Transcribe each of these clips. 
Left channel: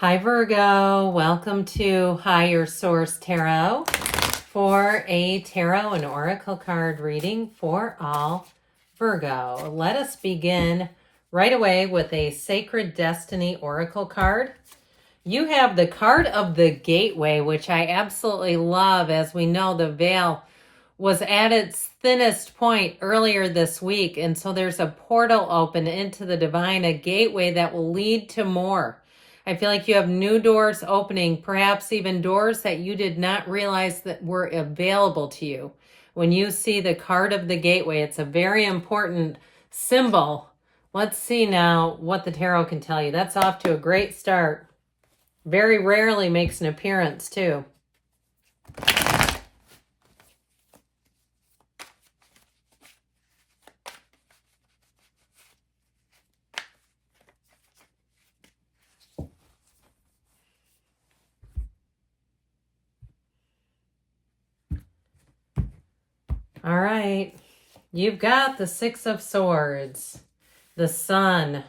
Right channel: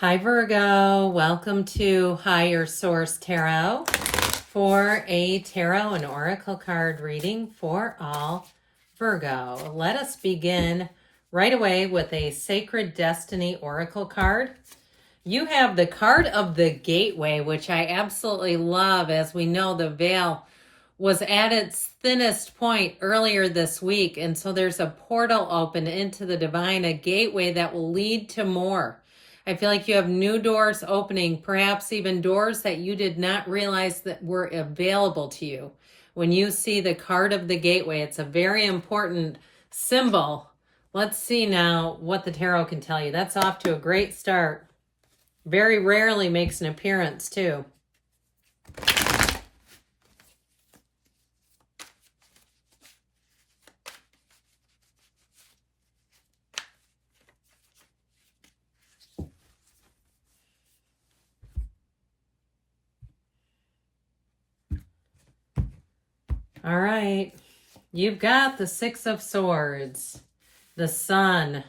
Hi Virgo, welcome to Higher Source Tarot for a tarot and oracle card reading for all Virgo. Let us begin right away with a Sacred Destiny oracle card. You have the card of the gateway, which I absolutely love. As we know, the veil was at its thinnest point earlier this week, and so there's a portal open into the divine, a gateway that will lead to more. I feel like you have new doors opening, perhaps even doors that you did not realize that were available to you. When you see the card of the gateway, it's a very important symbol. Let's see now what the tarot can tell you. That's off to a great start. Very rarely makes an appearance, too. All right, you've got the Six of Swords, the Sun,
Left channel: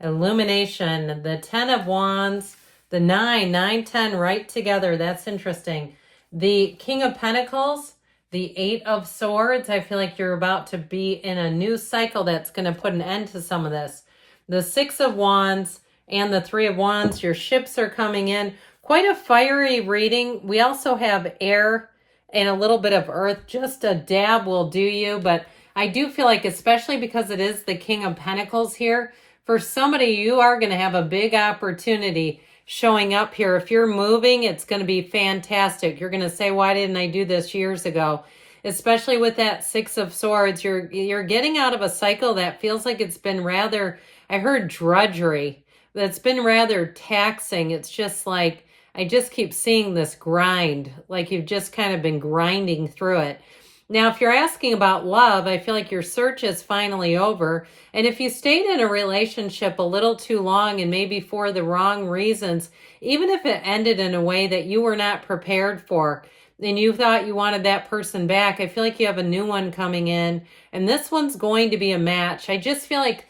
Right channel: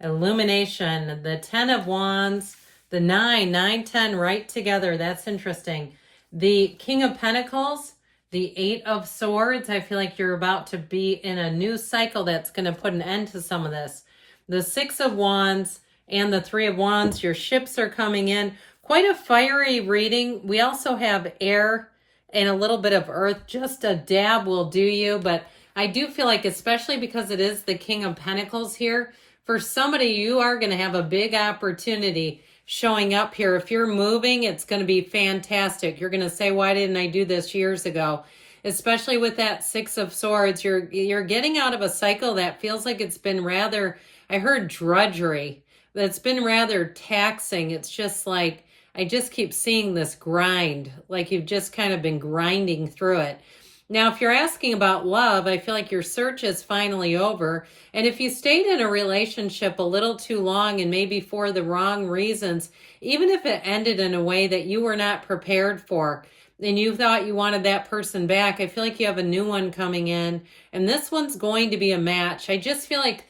Illumination, the 10 of Wands, the 9, 10 right together. That's interesting. The King of Pentacles, the 8 of Swords. I feel like you're about to be in a new cycle that's going to put an end to some of this. The 6 of Wands and the 3 of Wands. Your ships are coming in. Quite a fiery reading. We also have air and a little bit of earth. Just a dab will do you, but I do feel like, especially because it is the King of Pentacles here, for somebody, you are going to have a big opportunity showing up here. If you're moving, it's going to be fantastic. You're going to say, why didn't I do this years ago? Especially with that 6 of Swords, you're getting out of a cycle that feels like it's been rather, I heard drudgery, that's been rather taxing. It's just like, I just keep seeing this grind, like you've just kind of been grinding through it. Now, if you're asking about love, I feel like your search is finally over. And if you stayed in a relationship a little too long and maybe for the wrong reasons, even if it ended in a way that you were not prepared for and you thought you wanted that person back, I feel like you have a new one coming in. And this one's going to be a match. I just feel like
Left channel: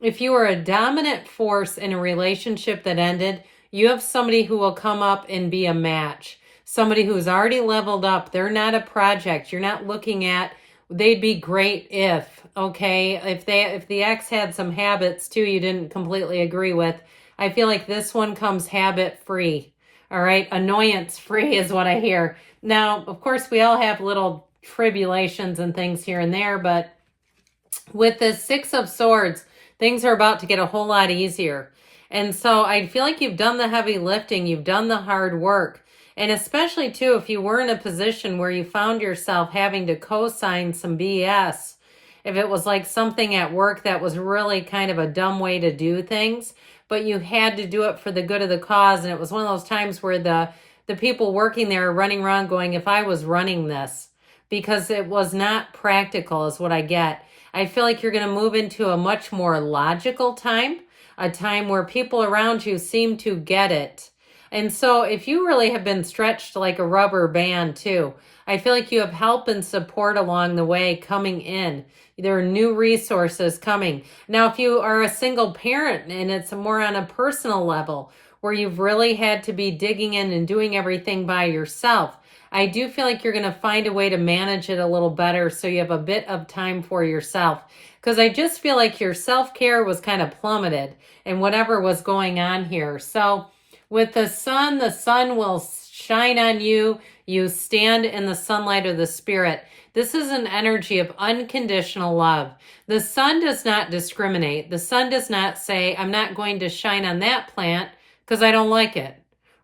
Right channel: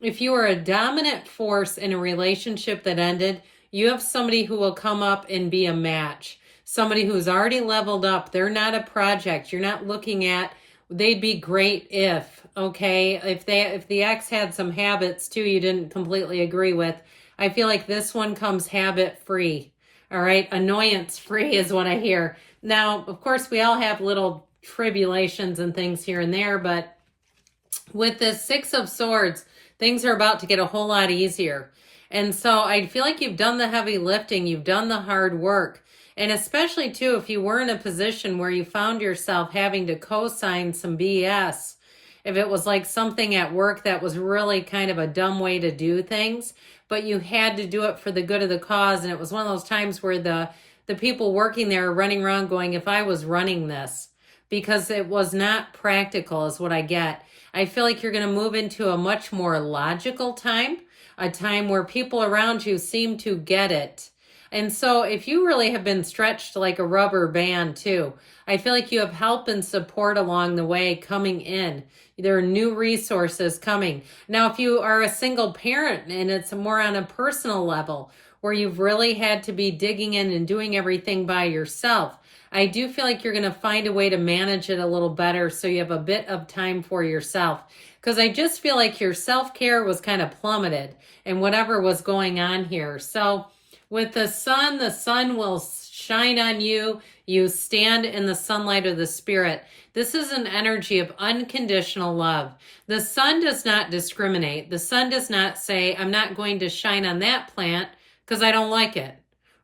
if you were a dominant force in a relationship that ended, you have somebody who will come up and be a match. Somebody who's already leveled up. They're not a project. You're not looking at, they'd be great if, okay? If the ex had some habits too you didn't completely agree with, I feel like this one comes habit free. All right? Annoyance free is what I hear. Now, of course, we all have little tribulations and things here and there, but with the 6 of Swords, things are about to get a whole lot easier. And so I feel like you've done the heavy lifting, you've done the hard work. And especially too, if you were in a position where you found yourself having to co-sign some BS, if it was like something at work that was really kind of a dumb way to do things, but you had to do it for the good of the cause. And it was one of those times where the people working there are running around going, if I was running this, because it was not practical is what I get. I feel like you're going to move into a much more logical time, a time where people around you seem to get it. And so if you really have been stretched like a rubber band too, I feel like you have help and support along the way coming in. There are new resources coming. Now, if you are a single parent and it's more on a personal level where you've really had to be digging in and doing everything by yourself, I do feel like you're going to find a way to manage it a little better so you have a bit of time for yourself. Because I just feel like your self-care was kind of plummeted in whatever was going on here. So with the sun will shine on you. You stand in the sunlight of the Spirit. This is an energy of unconditional love. The sun does not discriminate. The sun does not say, I'm not going to shine on that plant because I don't like it.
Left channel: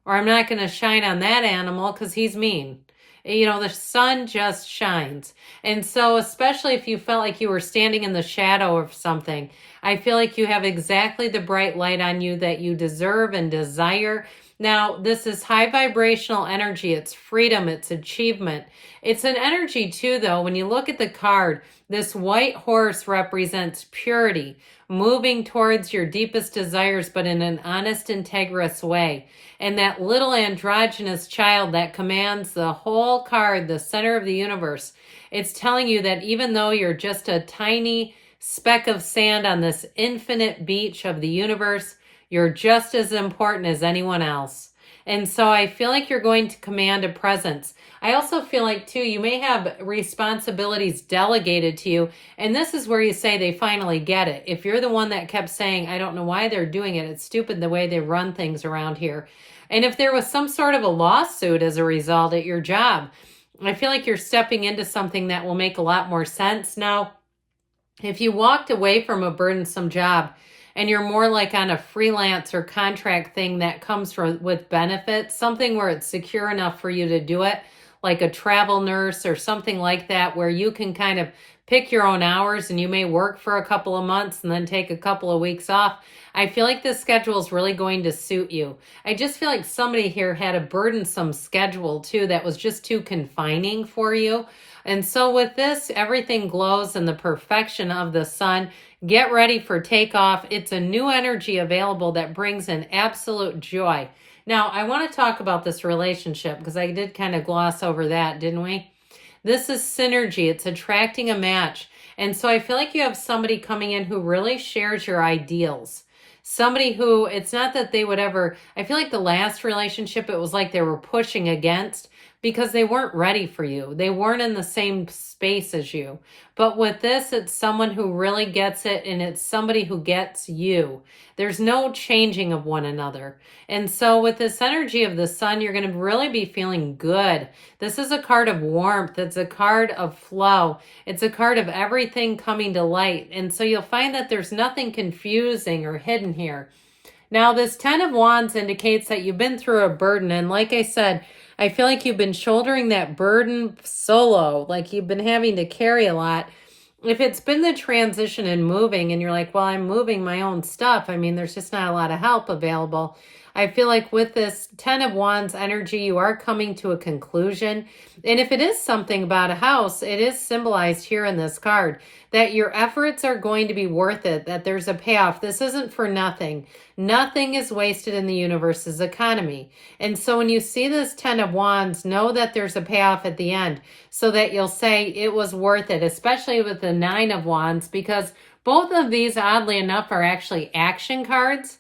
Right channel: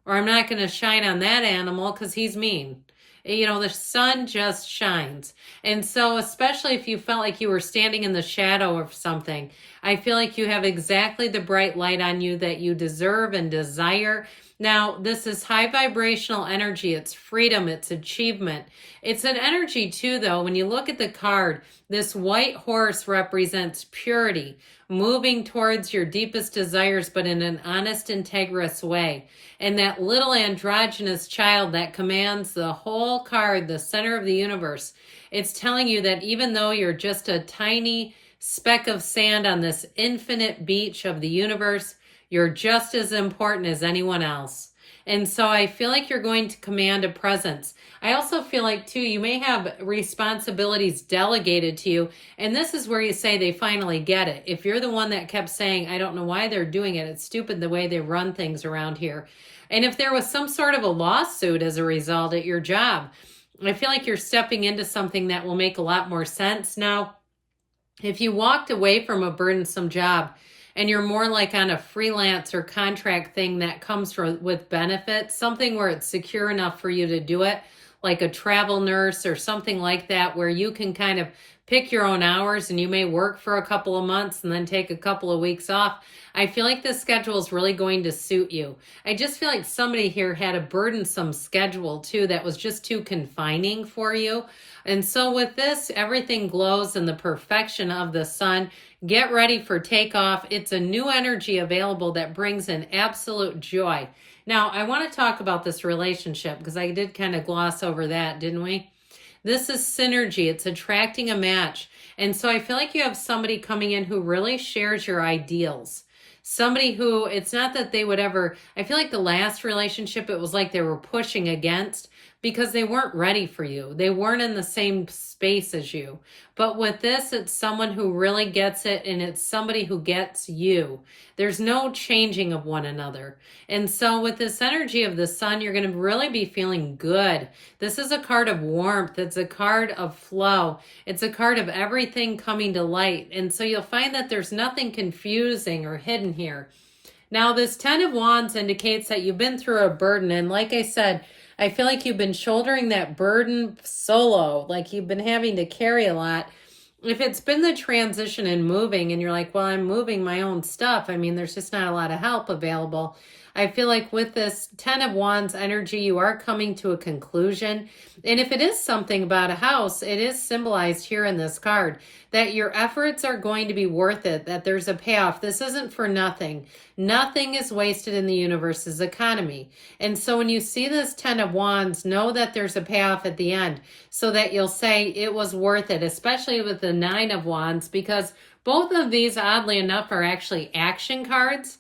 Or I'm not going to shine on that animal because he's mean. You know, the sun just shines. And so especially if you felt like you were standing in the shadow of something, I feel like you have exactly the bright light on you that you deserve and desire. Now, this is high vibrational energy. It's freedom. It's achievement. It's an energy too, though. When you look at the card, this white horse represents purity, moving towards your deepest desires, but in an honest, integrous way. And that little androgynous child that commands the whole card, the center of the universe, it's telling you that even though you're just a tiny speck of sand on this infinite beach of the universe, You're just as important as anyone else. And so I feel like you're going to command a presence. I also feel like, too, you may have responsibilities delegated to you. And this is where you say they finally get it. If you're the one that kept saying, I don't know why they're doing it, it's stupid the way they run things around here. And if there was some sort of a lawsuit as a result at your job, I feel like you're stepping into something that will make a lot more sense. Now, if you walked away from a burdensome job and you're more like on a freelance or contract thing that comes with benefits, something where it's secure enough for you to do it, like a travel nurse or something like that, where you can kind of pick your own hours and you may work for a couple of months and then take a couple of weeks off. I feel like this schedule is really going to suit you. I just feel like somebody here had a burdensome schedule too that was just too confining for you. And so with this, everything glows in the perfection of the sun. Get ready for takeoff. It's a new energy available that brings in absolute joy. Now, I want to talk about this relationship because I did kind of gloss over that, didn't we? This is synergy. It's attracting a match. And so I feel like you have somebody coming in who really shares your ideals. Somebody who, it's not that they would ever, I feel like the last relationship, it was like they were pushing against because they weren't ready for you. They weren't in the same space as you. But with this, it's someone who really gets it, and it's somebody who gets you. There's no changing of one another. And so with this energy of the sun, you're going to really be feeling good. This is a card of warmth. It's a card of flow. It's a card of everything coming to light. And so you'll find that there's nothing confusing or hidden here. Now, this 10 of Wands indicates that you've been through a burden. And like I said, I feel like you've been shouldering that burden solo, like you've been having to carry a lot. If it's been the transition and moving and you're like, well, I'm moving my own stuff, I mean, there's just not a lot of help available. I feel like with this 10 of Wands energy, you are coming to a conclusion. And if it is something about a house, it is symbolized here in this card that your efforts are going to be worth it, that there's a payoff. This isn't for nothing. Nothing is wasted in the universe's economy. And so when you see this 10 of Wands, know that there's a payoff at the end so that you'll say it was worth it, especially with the 9 of Wands, because both of these, oddly enough, are actually action cards.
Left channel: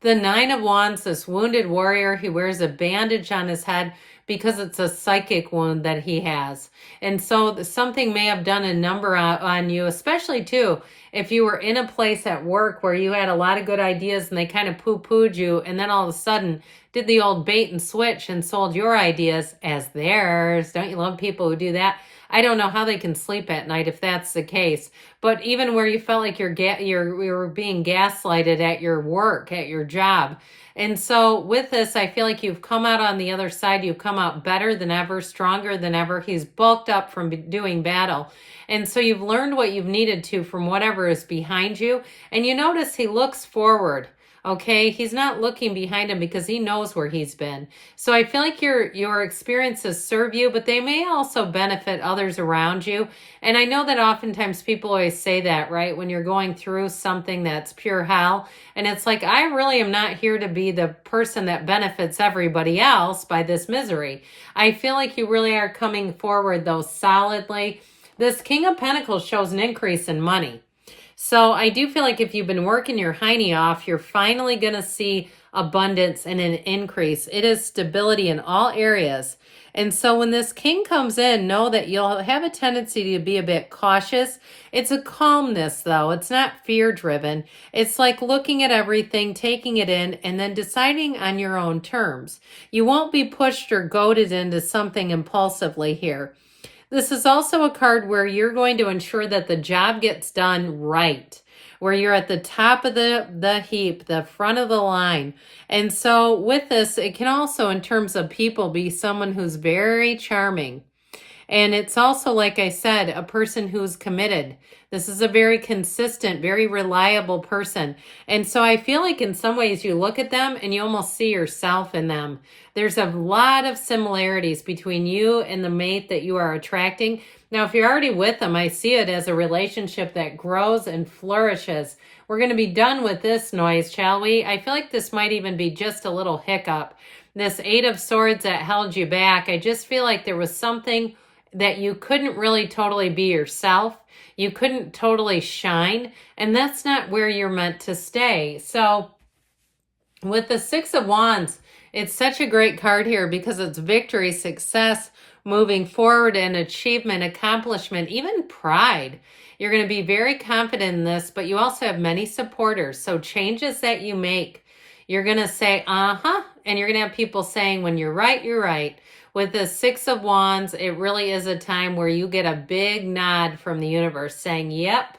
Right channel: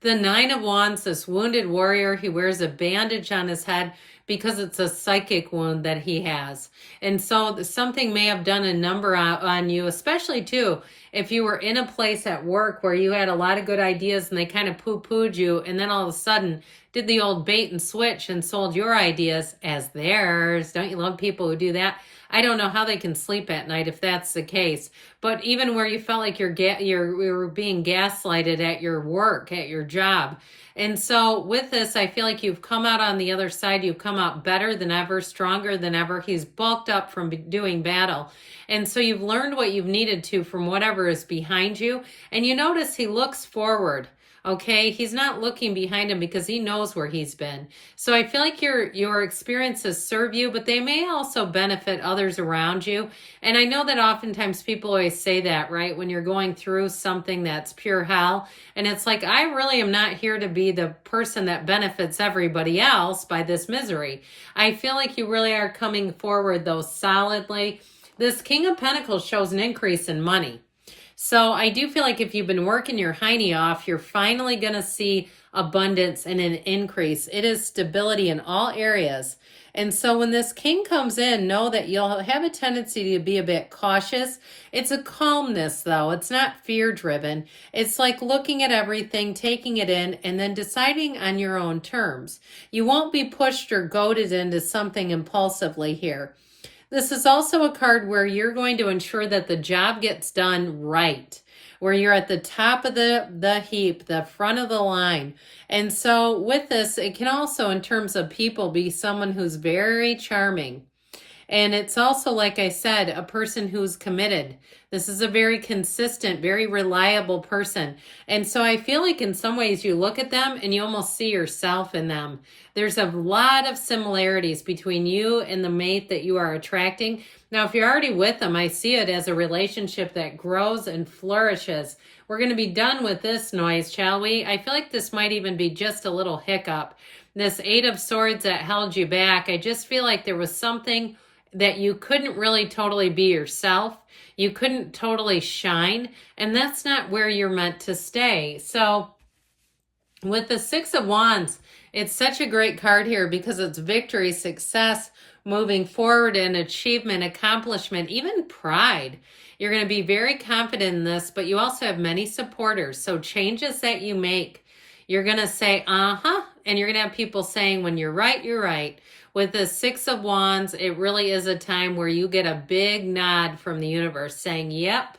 The 9 of Wands, this wounded warrior, he wears a bandage on his head because it's a psychic wound that he has. And so something may have done a number on you, especially too, if you were in a place at work where you had a lot of good ideas and they kind of poo-pooed you, and then all of a sudden did the old bait and switch and sold your ideas as theirs. Don't you love people who do that? I don't know how they can sleep at night if that's the case. But even where you felt like you were being gaslighted at your work, at your job. And so with this, I feel like you've come out on the other side. You've come out better than ever, stronger than ever. He's bulked up from doing battle. And so you've learned what you've needed to from whatever is behind you. And you notice he looks forward. Okay, he's not looking behind him because he knows where he's been. So I feel like your experiences serve you, but they may also benefit others around you. And I know that oftentimes people always say that, right? When you're going through something that's pure hell. And it's like, I really am not here to be the person that benefits everybody else by this misery. I feel like you really are coming forward, though, solidly. This King of Pentacles shows an increase in money. So I do feel like if you've been working your hiney off, you're finally going to see abundance and an increase. It is stability in all areas. And so when this king comes in, know that you'll have a tendency to be a bit cautious. It's a calmness, though. It's not fear-driven. It's like looking at everything, taking it in, and then deciding on your own terms. You won't be pushed or goaded into something impulsively here. This is also a card where you're going to ensure that the job gets done right, where you're at the top of the heap, the front of the line. And so with this, it can also, in terms of people, be someone who's very charming. And it's also, like I said, a person who's committed. This is a very consistent, very reliable person. And so I feel like in some ways you look at them and you almost see yourself in them. There's a lot of similarities between you and the mate that you are attracting. Now, if you're already with them, I see it as a relationship that grows and flourishes. We're going to be done with this noise, shall we? I feel like this might even be just a little hiccup. This 8 of Swords that held you back, I just feel like there was something that you couldn't really totally be yourself. You couldn't totally shine, and that's not where you're meant to stay. So with the Six of Wands, it's such a great card here because it's victory, success, moving forward, and achievement, accomplishment, even pride. You're going to be very confident in this, but you also have many supporters. So changes that you make, you're going to say, uh-huh, and you're going to have people saying, when you're right, you're right. With the Six of Wands, it really is a time where you get a big nod from the universe saying, yep.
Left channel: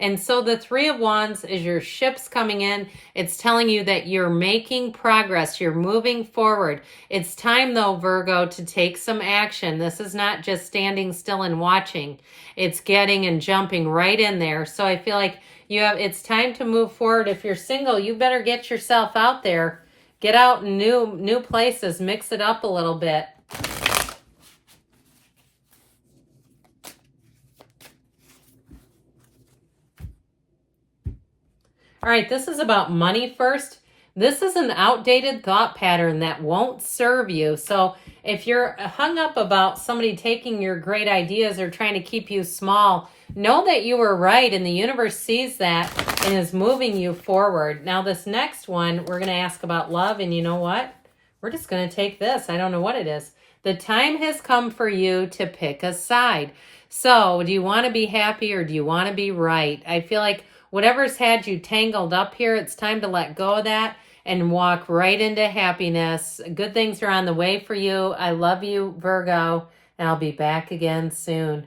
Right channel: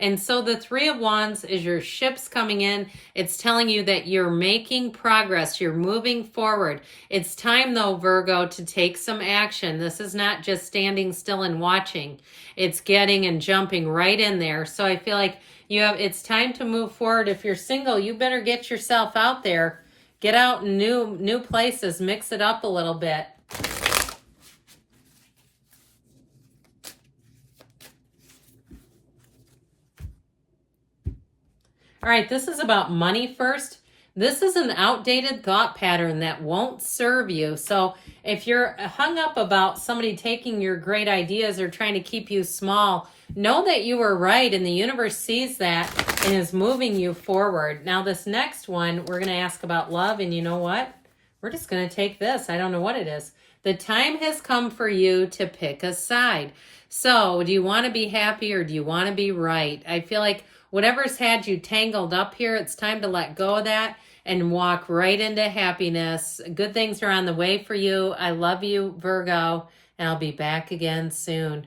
And so the Three of Wands is your ships coming in. It's telling you that you're making progress. You're moving forward. It's time, though, Virgo, to take some action. This is not just standing still and watching. It's getting and jumping right in there. So I feel like it's time to move forward. If you're single, you better get yourself out there. Get out in new places. Mix it up a little bit. All right, this is about money first. This is an outdated thought pattern that won't serve you. So if you're hung up about somebody taking your great ideas or trying to keep you small, know that you were right and the universe sees that and is moving you forward. Now this next one, we're going to ask about love, and you know what? We're just going to take this. I don't know what it is. The time has come for you to pick a side. So do you want to be happy or do you want to be right? I feel like whatever's had you tangled up here, it's time to let go of that and walk right into happiness. Good things are on the way for you. I love you, Virgo, and I'll be back again soon.